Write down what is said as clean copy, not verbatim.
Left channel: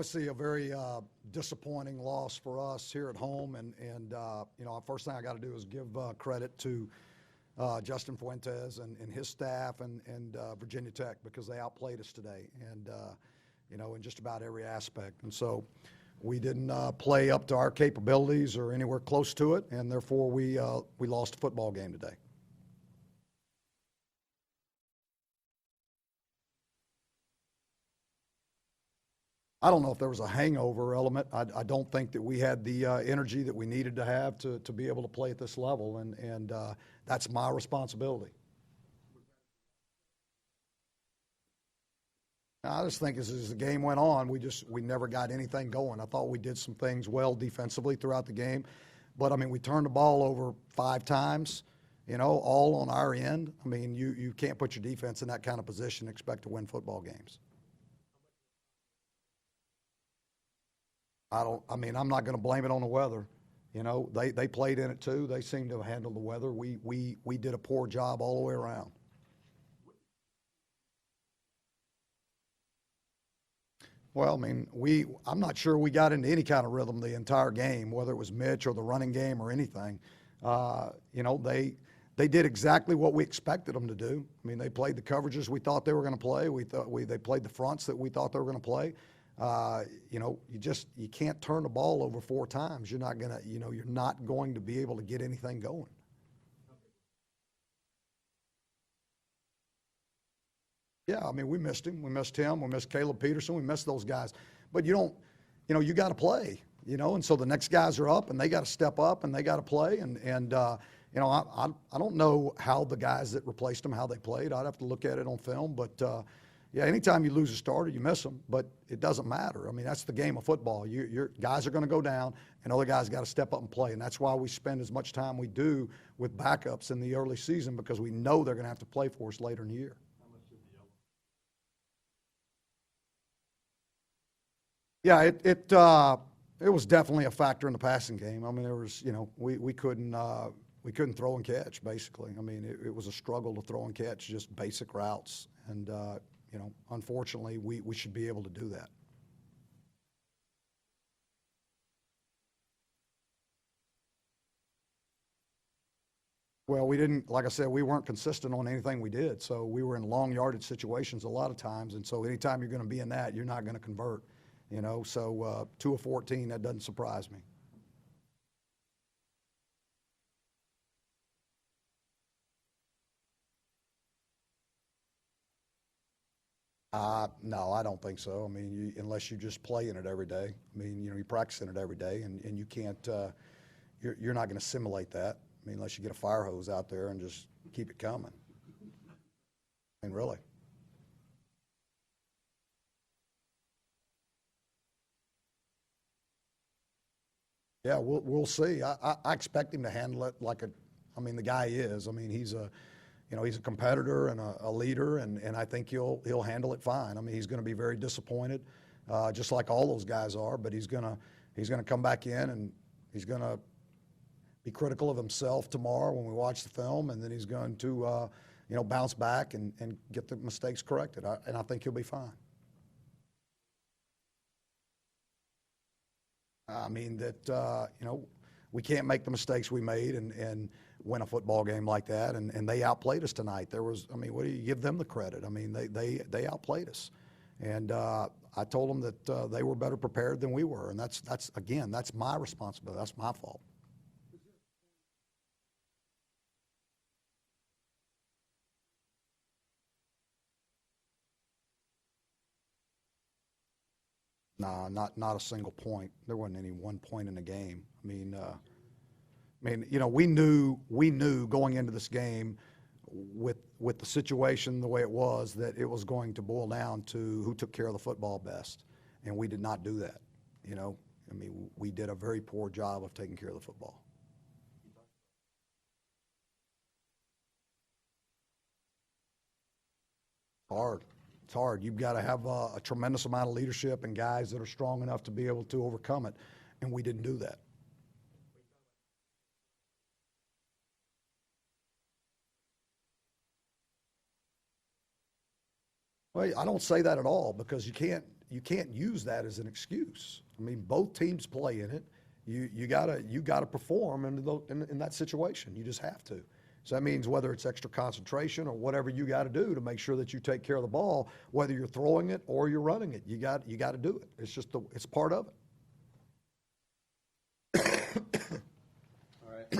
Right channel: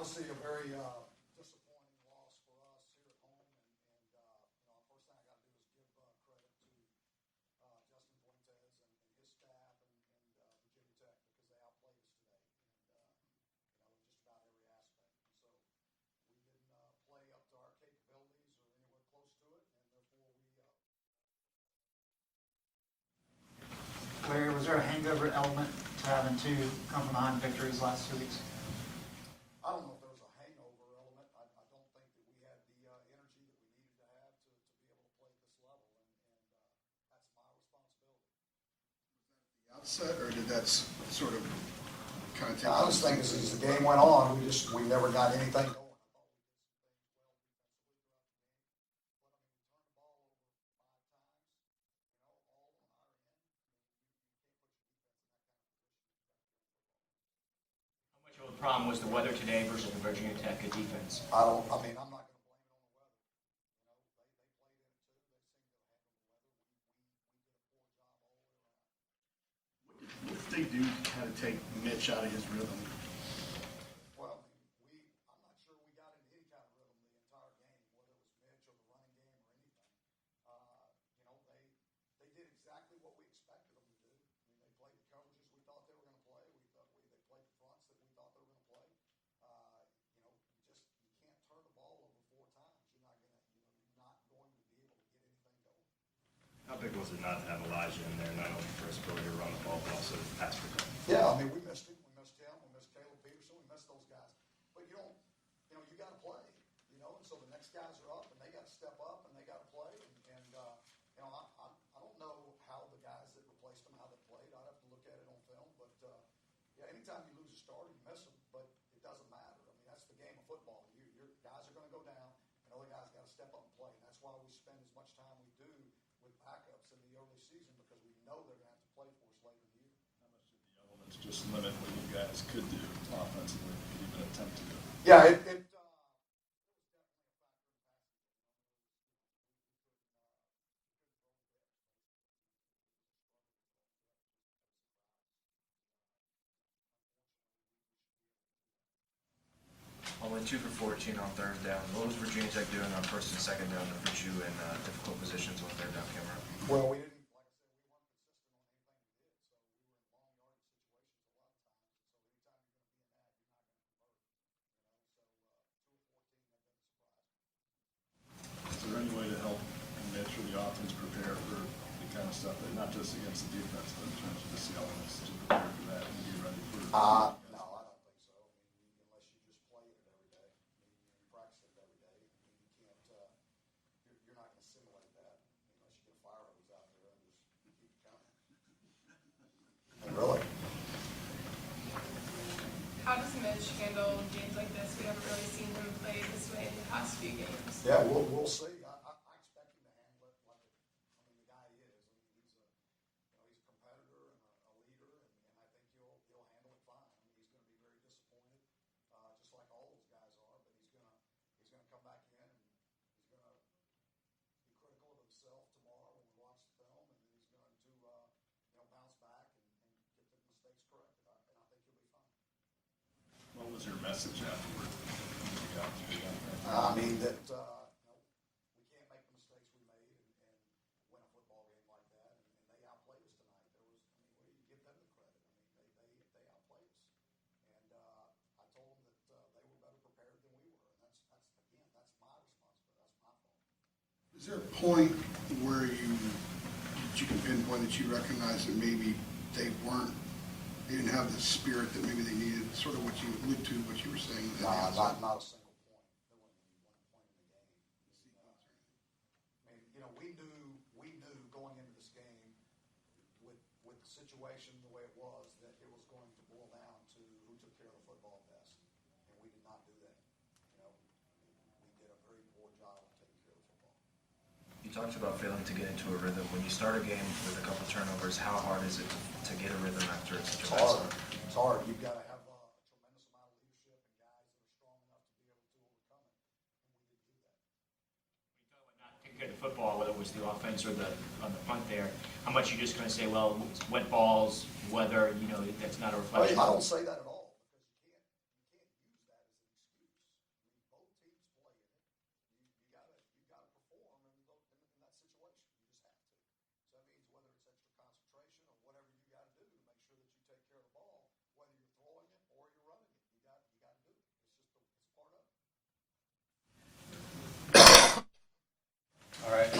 obviously a very disappointing loss for us here at home, and you know, first thing I got to do is give credit to Justin Fuentes and his staff and Virginia Tech, because they outplayed us today, and you know, in just about every aspect. And so we didn't play up to our capabilities or anywhere close to it, and therefore we lost a football game today. Larry, was there a hangover element to having two come from behind victories last 2 weeks? I don't know if there was a hangover element. I don't think that we had the energy that we needed to have to be able to play at this level, and that's my responsibility. Outset, or did that sort of kind of take? I just think as the game went on, we never got anything going. I thought we did some things well defensively throughout the game, but I mean, we turned the ball over 5 times, you know, all on our end. I mean, you can't put your defense in that kind of position and expect to win football games. How much of a problem was the weather today versus the Virginia Tech defense? I mean, I'm not going to blame it on the weather. You know, they played in it too. They seemed to handle the weather. We did a poor job all the way around. What did they do to kind of take Mitch out of his rhythm? Well, I mean, I'm not sure we got into any kind of rhythm the entire game, whether it was Mitch or the running game or anything. You know, they did exactly what we expected them to do. I mean, they played the coverages we thought they were going to play. They played the fronts that we thought they were going to play. You know, you can't turn the ball over 4 times. You're not going to be able to get anything going. How big was it not to have Elijah in there, not only for his ability to run the ball, but also pass protection? Yeah, I mean, we missed him. We missed him. We missed Caleb Peterson. We missed those guys. But you got to play, you know, and so the next guys are up, and they got to step up, and they got to play. And you know, I don't know how the guys that replaced them, how they played. I'd have to look at it on film. But, yeah, anytime you lose a starter, you miss them. But it doesn't matter. I mean, that's the game of football. Your guys are going to go down, and other guys got to step up and play. And that's why we spend as much time we do with backups in the early season, because we know they're going to have to play for us later in the year. How much did the elements just limit what you guys could do offensively, could even attempt to do? Yeah, it was definitely a factor in the passing game. I mean, there was, you know, we couldn't throw and catch, basically. I mean, it was a struggle to throw and catch just basic routes. And, you know, unfortunately, we should be able to do that. Only 2 for 14 on 3rd down. What was Virginia Tech doing on 1st and 2nd down to put you in difficult positions when 3rd down came around? Well, we didn't, like I said, we weren't consistent on anything we did. So we were in long yardage situations a lot of times. And so anytime you're going to be in that, you're not going to convert, you know. So 2 of 14, that doesn't surprise me. Is there any way to help Mitch or the offense prepare for the kind of stuff that, not just against the defense, but in terms of the elements, to prepare for that and be ready for it? No, I don't think so. I mean, unless you just play in it every day. I mean, you know, you practice in it every day, and you can't, you're not going to simulate that. I mean, unless you get a fire hose out there and just keep it coming. And really. How does Mitch handle games like this? We haven't really seen him play this way in the past few games. Yeah, we'll see. I expect him to handle it like I mean, the guy is. I mean, he's a competitor and a leader, and I think he'll handle it fine. I mean, he's going to be very disappointed, just like all those guys are. But he's gonna come back in, and he's gonna be critical of himself tomorrow when we watch the film, and then he's going to bounce back and get the mistakes corrected. And I think he'll be fine. What was your message afterward? I mean that we can't make the mistakes we made and win a football game like that, and they outplayed us tonight. What do you give them the credit? I mean, they outplayed us, and I told them that they were better prepared than we were, and that's my responsibility. That's my fault. Is there a point where you can pinpoint that you recognize that maybe they didn't have the spirit that maybe they needed? Sort of what you allude to, what you were saying. No, not a single point. There wasn't any one point in the game. I mean, you know, we knew going into this game with the situation the way it was, that it was going to boil down to who took care of the football best, and we did not do that. You know, I mean, we did a very poor job of taking care of the football. You talked about failing to get into a rhythm. When you start a game with a couple turnovers, how hard is it to get a rhythm after such a bad start? It's hard. You've got to have a tremendous amount of leadership and guys that are strong enough to be able to overcome it, and we didn't do that. Not taking care of the football, whether it was the offense or on the punt there, how much you just going to say, well, it's wet balls, weather, you know, that's not a reflection? I don't say that at all, because you can't, you can't use that as an excuse. I mean, both teams play in it. You gotta perform in that situation. You just have to. So that means whether it's extra concentration or whatever you got to do to make sure that you take care of the ball, whether you're throwing it or you're running it, you got to do it. It's just it's part of it. All right,